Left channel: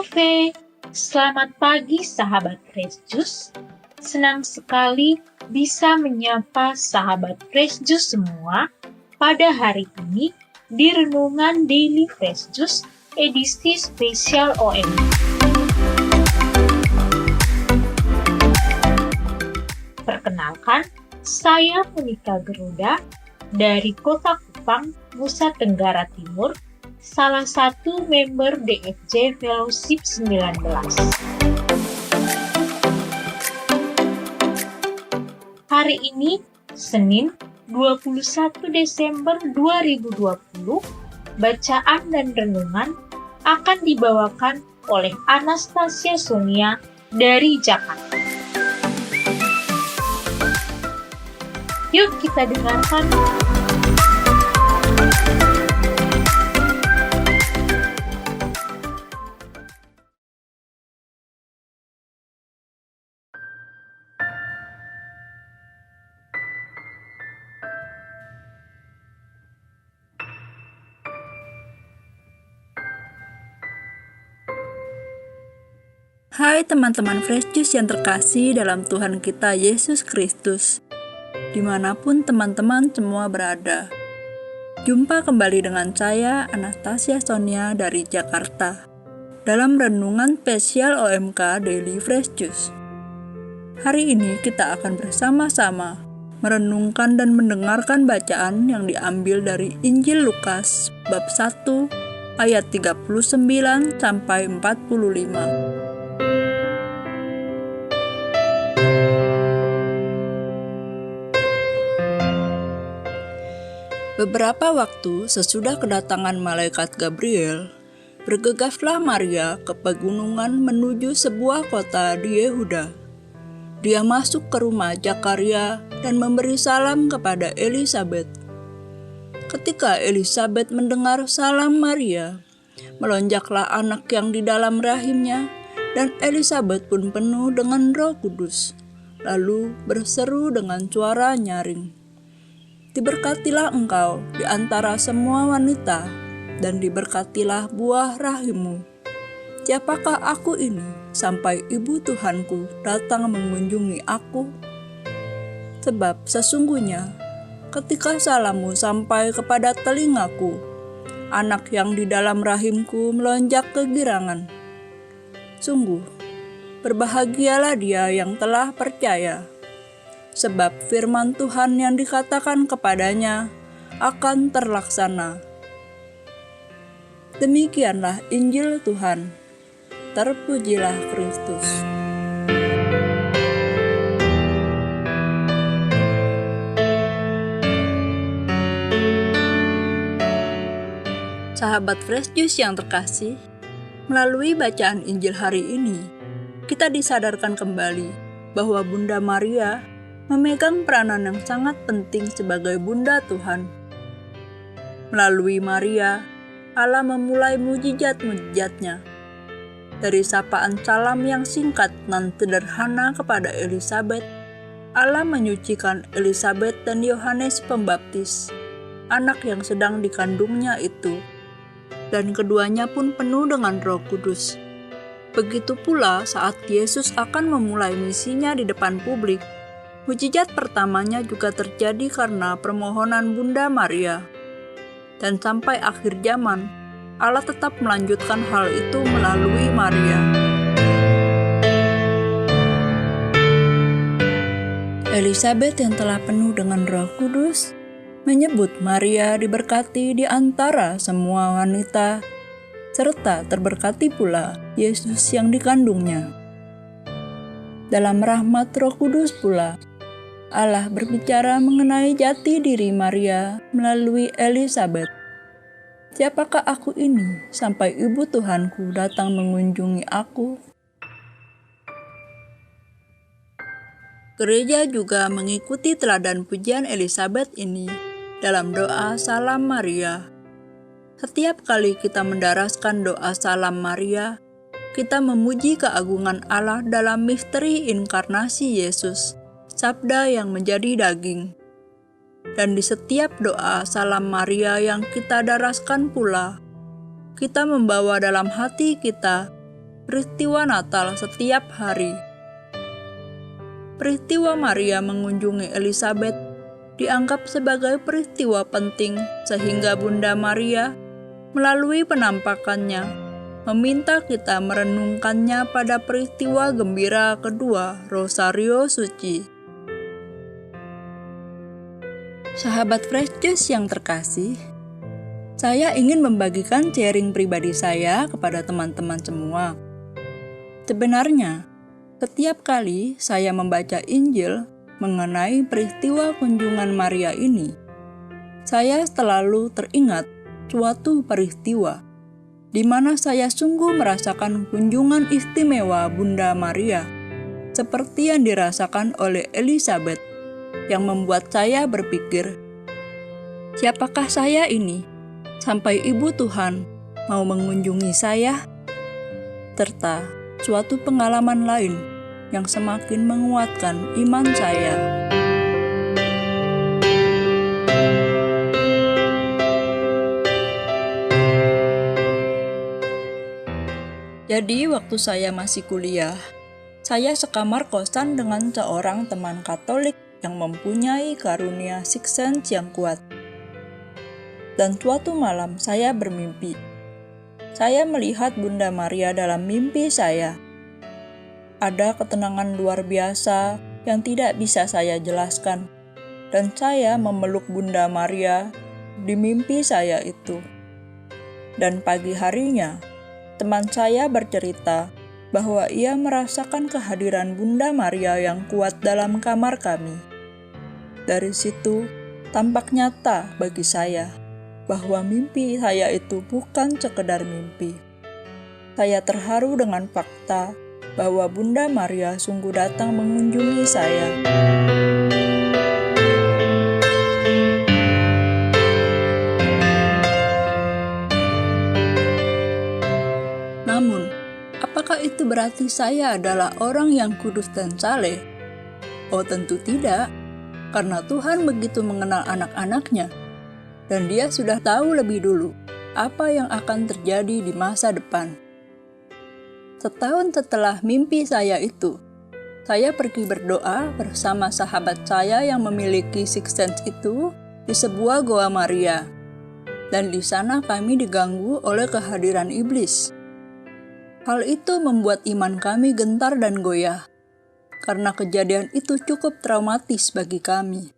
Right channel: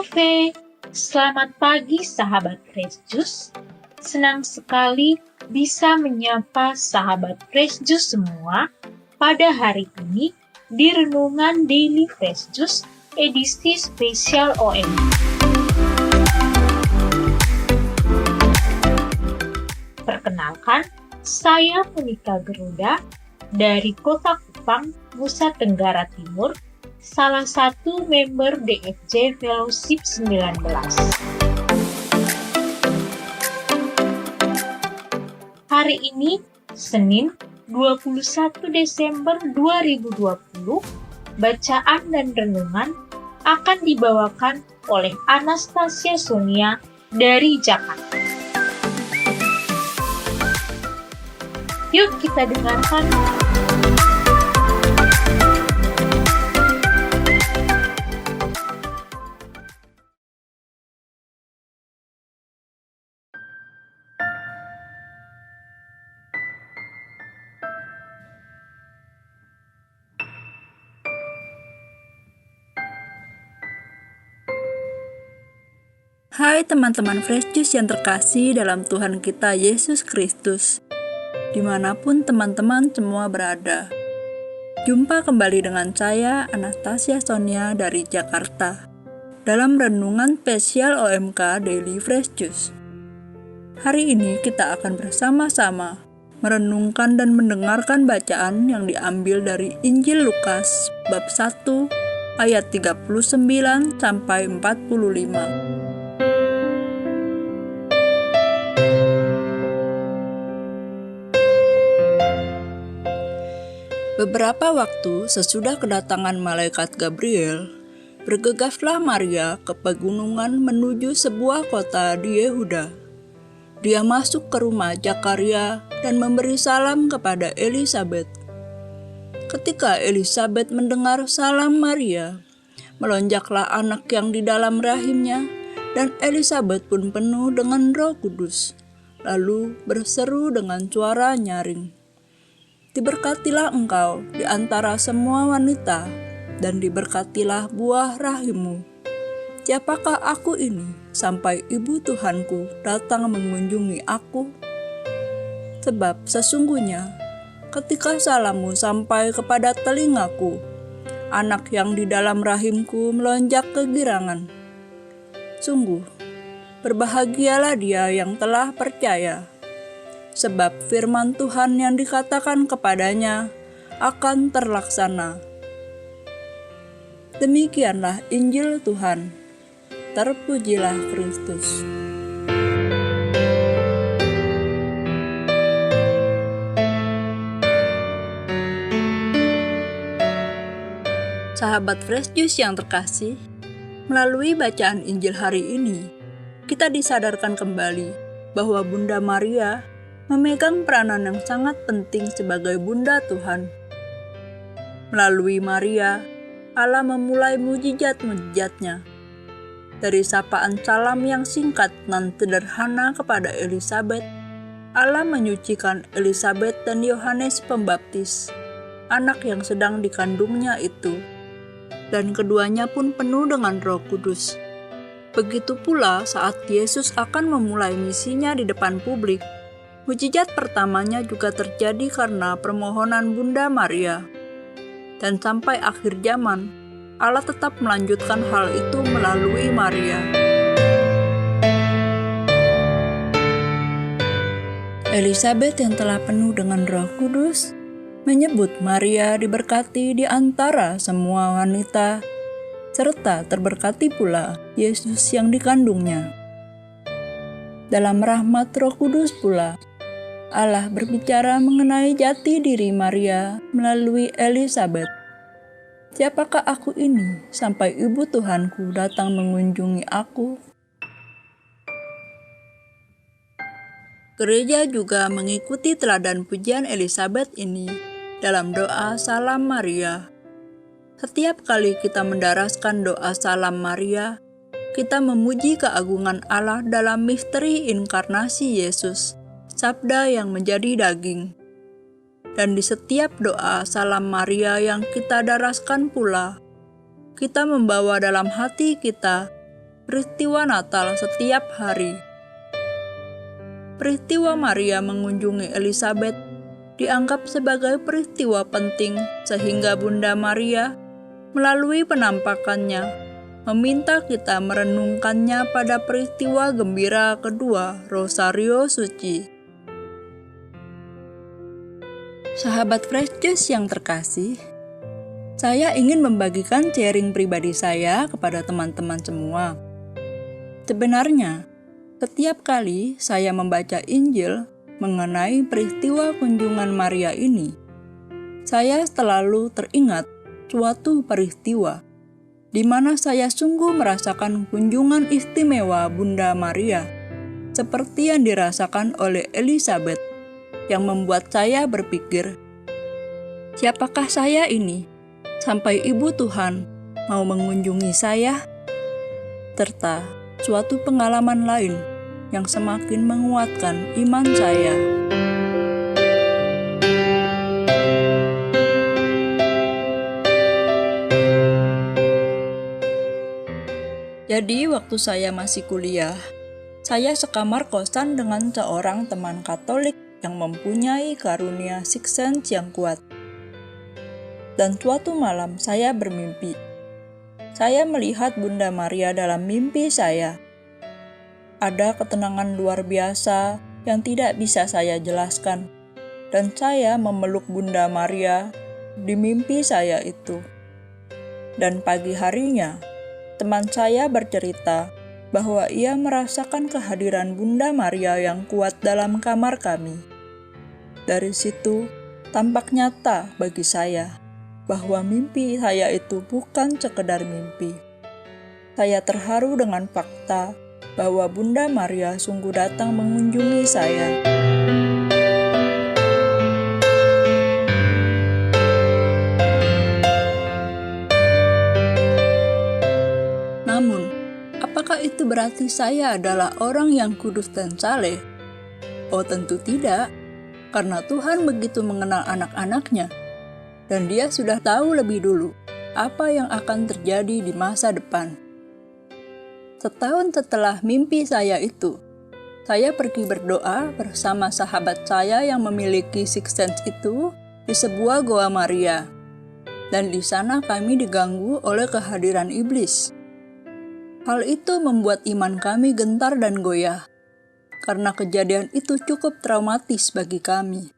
Halo Fe, selamat pagi sahabat Fresh Juice. Senang sekali bisa menyapa sahabat Fresh Juice semua pada hari ini di Renungan Daily Fresh Juice edisi spesial OM. Perkenalkan, saya Monika Geruda dari Kota Kupang, Nusa Tenggara Timur, salah satu member DFJ Fellowship 19. Hari ini, Senin 21 Desember 2020, bacaan dan renungan akan dibawakan oleh Anastasia Sonia dari Jakarta. Yuk kita dengarkan. Hai teman-teman Fresh Juice yang terkasih dalam Tuhan kita Yesus Kristus, dimanapun teman-teman semua berada. Jumpa kembali dengan saya, Anastasia Sonia dari Jakarta, dalam Renungan Spesial OMK Daily Fresh Juice. Hari ini kita akan bersama-sama merenungkan dan mendengarkan bacaan yang diambil dari Injil Lukas bab 1 ayat 39 sampai 45. Beberapa waktu sesudah kedatangan malaikat Gabriel, bergegaslah Maria ke pegunungan menuju sebuah kota di Yehuda. Dia masuk ke rumah Zakaria dan memberi salam kepada Elisabet. Ketika Elisabet mendengar salam Maria, melonjaklah anak yang di dalam rahimnya, dan Elisabet pun penuh dengan Roh Kudus, lalu berseru dengan suara nyaring, "Diberkatilah engkau di antara semua wanita, dan diberkatilah buah rahimmu. Siapakah aku ini sampai ibu Tuhanku datang mengunjungi aku? Sebab sesungguhnya ketika salammu sampai kepada telingaku, anak yang di dalam rahimku melonjak kegirangan. Sungguh, berbahagialah dia yang telah percaya, sebab firman Tuhan yang dikatakan kepadanya akan terlaksana." Demikianlah Injil Tuhan. Terpujilah Kristus. Sahabat Fresh Juice yang terkasih, melalui bacaan Injil hari ini, kita disadarkan kembali bahwa Bunda Maria memegang peranan yang sangat penting sebagai Bunda Tuhan. Melalui Maria, Allah memulai mujizat-mujizatnya. Dari sapaan salam yang singkat dan sederhana kepada Elisabet, Allah menyucikan Elisabet dan Yohanes Pembaptis, anak yang sedang dikandungnya itu, dan keduanya pun penuh dengan Roh Kudus. Begitu pula saat Yesus akan memulai misinya di depan publik, mujizat pertamanya juga terjadi karena permohonan Bunda Maria. Dan sampai akhir zaman, Allah tetap melanjutkan hal itu melalui Maria. Elisabet yang telah penuh dengan Roh Kudus menyebut Maria diberkati di antara semua wanita, serta terberkati pula Yesus yang dikandungnya. Dalam rahmat Roh Kudus pula, Allah berbicara mengenai jati diri Maria melalui Elisabet. "Siapakah aku ini sampai ibu Tuhanku datang mengunjungi aku?" Gereja juga mengikuti teladan pujian Elisabet ini dalam doa Salam Maria. Setiap kali kita mendaraskan doa Salam Maria, kita memuji keagungan Allah dalam misteri inkarnasi Yesus, Sabda yang menjadi daging. Dan di setiap doa Salam Maria yang kita daraskan pula, kita membawa dalam hati kita peristiwa Natal setiap hari. Peristiwa Maria mengunjungi Elizabeth dianggap sebagai peristiwa penting sehingga Bunda Maria melalui penampakannya meminta kita merenungkannya pada peristiwa gembira kedua Rosario Suci. Sahabat Fresh Juice yang terkasih, saya ingin membagikan sharing pribadi saya kepada teman-teman semua. Sebenarnya, setiap kali saya membaca Injil mengenai peristiwa kunjungan Maria ini, saya selalu teringat suatu peristiwa di mana saya sungguh merasakan kunjungan istimewa Bunda Maria, seperti yang dirasakan oleh Elizabeth, yang membuat saya berpikir, siapakah saya ini sampai Ibu Tuhan mau mengunjungi saya? Serta suatu pengalaman lain yang semakin menguatkan iman saya. Jadi waktu saya masih kuliah, saya sekamar kosan dengan seorang teman Katolik yang mempunyai karunia sixth sense yang kuat. Dan suatu malam saya bermimpi. Saya melihat Bunda Maria dalam mimpi saya. Ada ketenangan luar biasa yang tidak bisa saya jelaskan, dan saya memeluk Bunda Maria di mimpi saya itu. Dan pagi harinya, teman saya bercerita bahwa ia merasakan kehadiran Bunda Maria yang kuat dalam kamar kami. Dari situ, tampak nyata bagi saya bahwa mimpi saya itu bukan sekedar mimpi. Saya terharu dengan fakta bahwa Bunda Maria sungguh datang mengunjungi saya. Namun, apakah itu berarti saya adalah orang yang kudus dan saleh? Oh, tentu tidak, karena Tuhan begitu mengenal anak-anaknya, dan Dia sudah tahu lebih dulu apa yang akan terjadi di masa depan. Setahun setelah mimpi saya itu, saya pergi berdoa bersama sahabat saya yang memiliki sixth sense itu di sebuah goa Maria. Dan di sana kami diganggu oleh kehadiran iblis. Hal itu membuat iman kami gentar dan goyah, karena kejadian itu cukup traumatis bagi kami.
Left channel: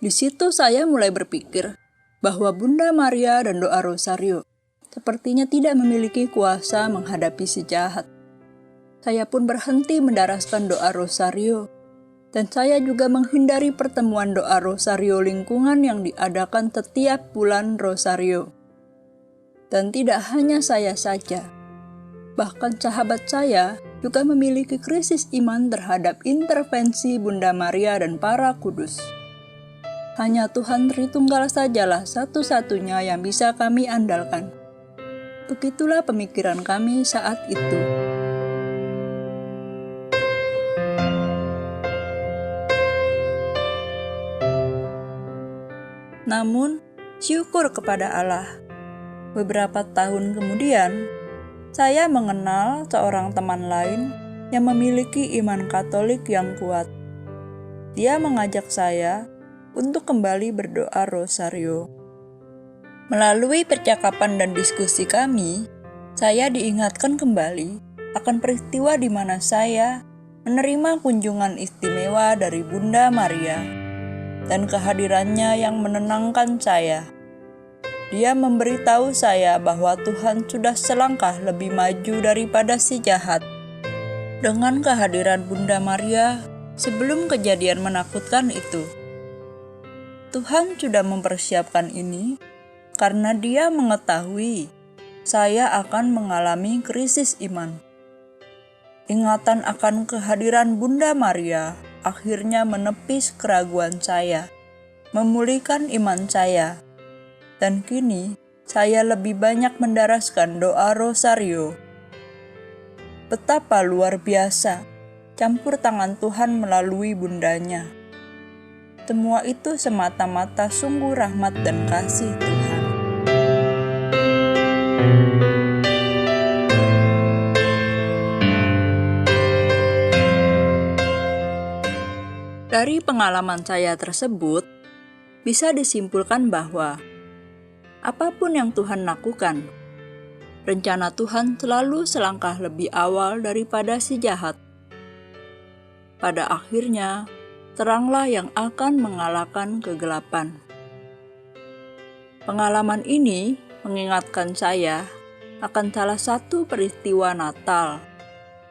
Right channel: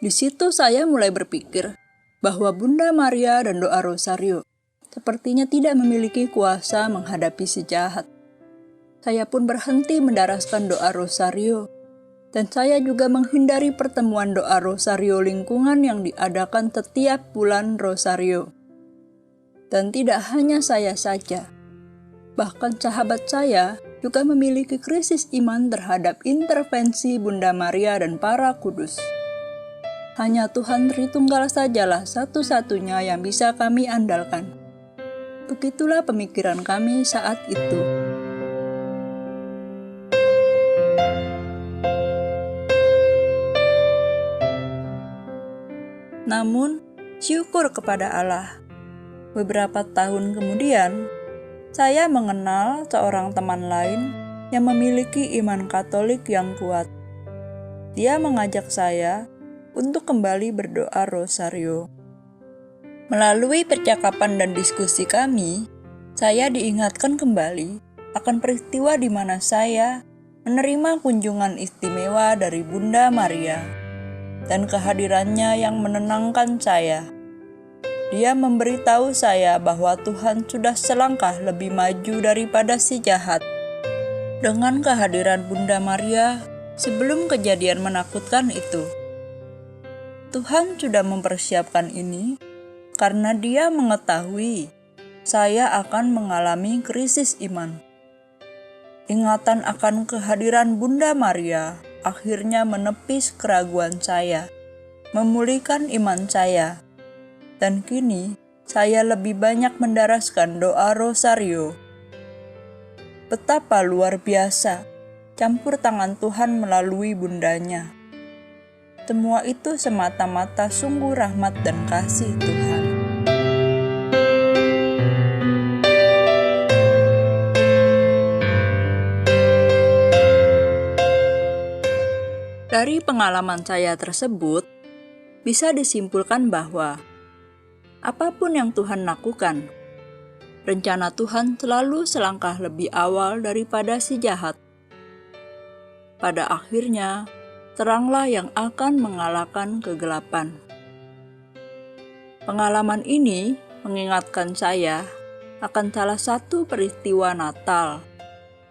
Di situ saya mulai berpikir bahwa Bunda Maria dan doa Rosario sepertinya tidak memiliki kuasa menghadapi si jahat. Saya pun berhenti mendaraskan doa Rosario, dan saya juga menghindari pertemuan doa Rosario lingkungan yang diadakan setiap bulan Rosario. Dan tidak hanya saya saja, bahkan sahabat saya juga memiliki krisis iman terhadap intervensi Bunda Maria dan para kudus. Hanya Tuhan Tritunggal sajalah satu-satunya yang bisa kami andalkan. Begitulah pemikiran kami saat itu. Namun, syukur kepada Allah. Beberapa tahun kemudian, saya mengenal seorang teman lain yang memiliki iman Katolik yang kuat. Dia mengajak saya untuk kembali berdoa Rosario. Melalui percakapan dan diskusi kami, saya diingatkan kembali akan peristiwa di mana saya menerima kunjungan istimewa dari Bunda Maria dan kehadirannya yang menenangkan saya. Dia memberitahu saya bahwa Tuhan sudah selangkah lebih maju daripada si jahat. Dengan kehadiran Bunda Maria sebelum kejadian menakutkan itu, Tuhan sudah mempersiapkan ini karena Dia mengetahui saya akan mengalami krisis iman. Ingatan akan kehadiran Bunda Maria akhirnya menepis keraguan saya, memulihkan iman saya, dan kini saya lebih banyak mendaraskan doa Rosario. Betapa luar biasa campur tangan Tuhan melalui bundanya. Semua itu semata-mata sungguh rahmat dan kasih Tuhan. Dari pengalaman saya tersebut, bisa disimpulkan bahwa apapun yang Tuhan lakukan, rencana Tuhan selalu selangkah lebih awal daripada si jahat. Pada akhirnya, teranglah yang akan mengalahkan kegelapan. Pengalaman ini mengingatkan saya akan salah satu peristiwa Natal,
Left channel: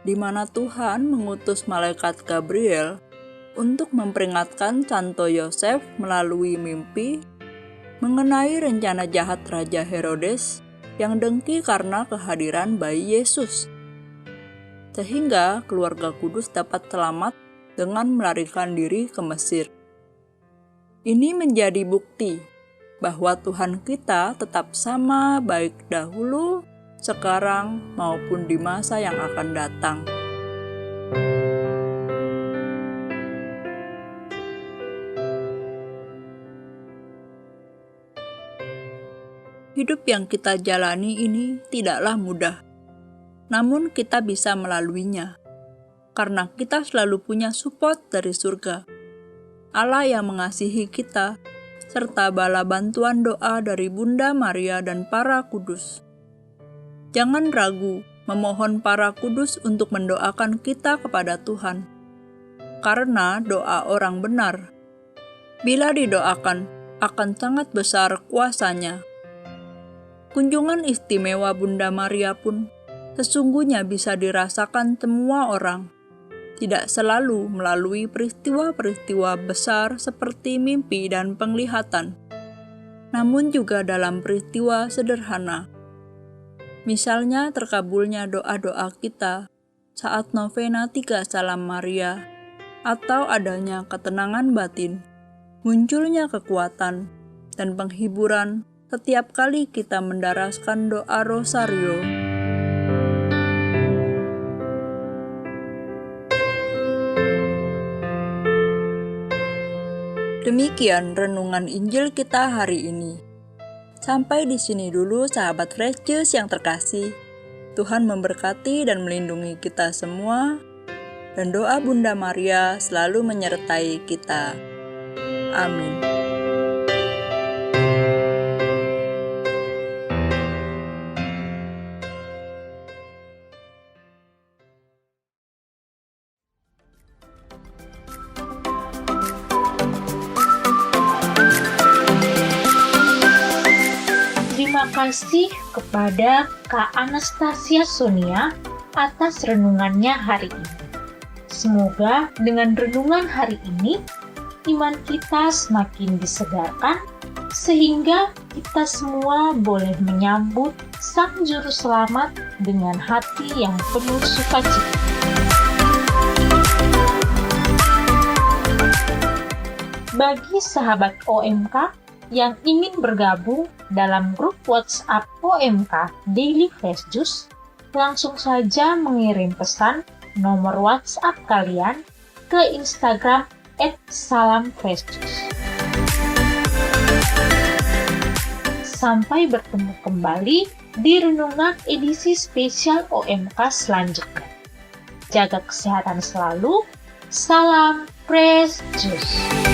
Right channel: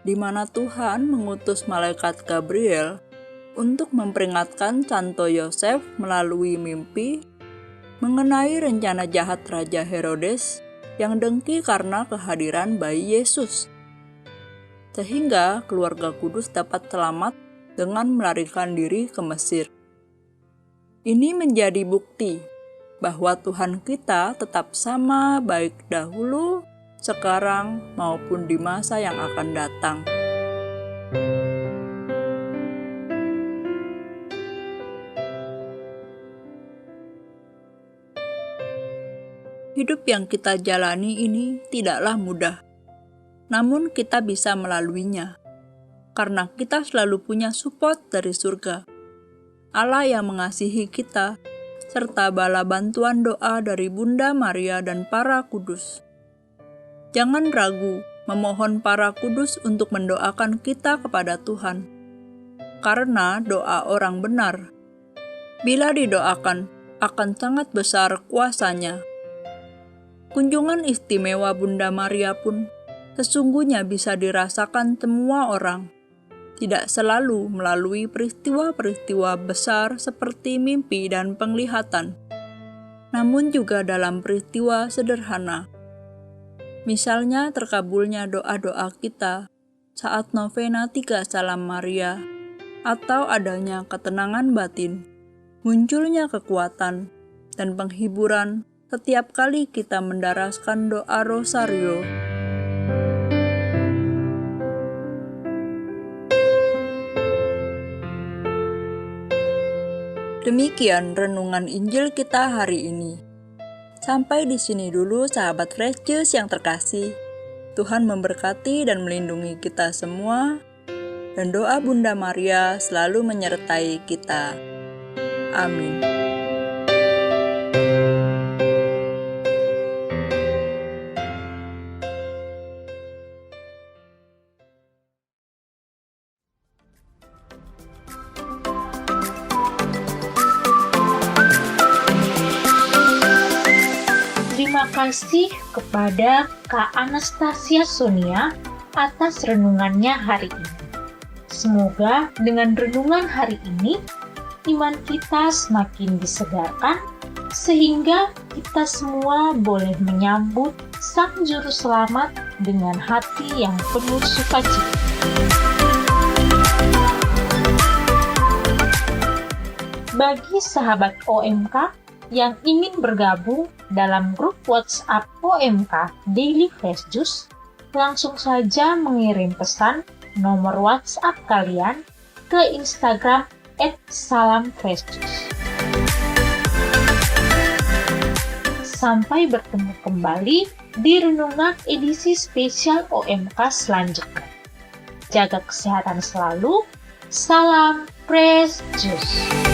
di mana Tuhan mengutus malaikat Gabriel untuk memperingatkan Santo Yosef melalui mimpi mengenai rencana jahat Raja Herodes yang dengki karena kehadiran bayi Yesus, sehingga keluarga kudus dapat selamat dengan melarikan diri ke Mesir. Ini menjadi bukti bahwa Tuhan kita tetap sama baik dahulu, sekarang, maupun di masa yang akan datang. Hidup yang kita jalani ini tidaklah mudah, namun kita bisa melaluinya, karena kita selalu punya support dari surga, Allah yang mengasihi kita, serta bala bantuan doa dari Bunda Maria dan para kudus. Jangan ragu memohon para kudus untuk mendoakan kita kepada Tuhan, karena doa orang benar, bila didoakan, akan sangat besar kuasanya. Kunjungan istimewa Bunda Maria pun sesungguhnya bisa dirasakan semua orang, tidak selalu melalui peristiwa-peristiwa besar seperti mimpi dan penglihatan, namun juga dalam peristiwa sederhana. Misalnya terkabulnya doa-doa kita saat novena 3 Salam Maria, atau adanya ketenangan batin, munculnya kekuatan, dan penghiburan setiap kali kita mendaraskan doa rosario. Demikian renungan Injil kita hari ini. Sampai di sini dulu sahabat Fresh Juice yang terkasih. Tuhan memberkati dan melindungi kita semua, dan doa Bunda Maria selalu menyertai kita. Amin. Terima kasih kepada Kak Anastasia Sonia atas renungannya hari ini. Semoga dengan renungan hari ini, iman kita semakin disegarkan, sehingga kita semua boleh menyambut Sang Juru Selamat dengan hati yang penuh sukacita. Bagi sahabat OMK yang ingin bergabung dalam grup WhatsApp OMK Daily Fresh Juice, langsung saja mengirim pesan nomor WhatsApp kalian ke Instagram @salamfreshjuice. Sampai bertemu kembali di renungan edisi spesial OMK selanjutnya. Jaga kesehatan selalu. Salam Fresh Juice.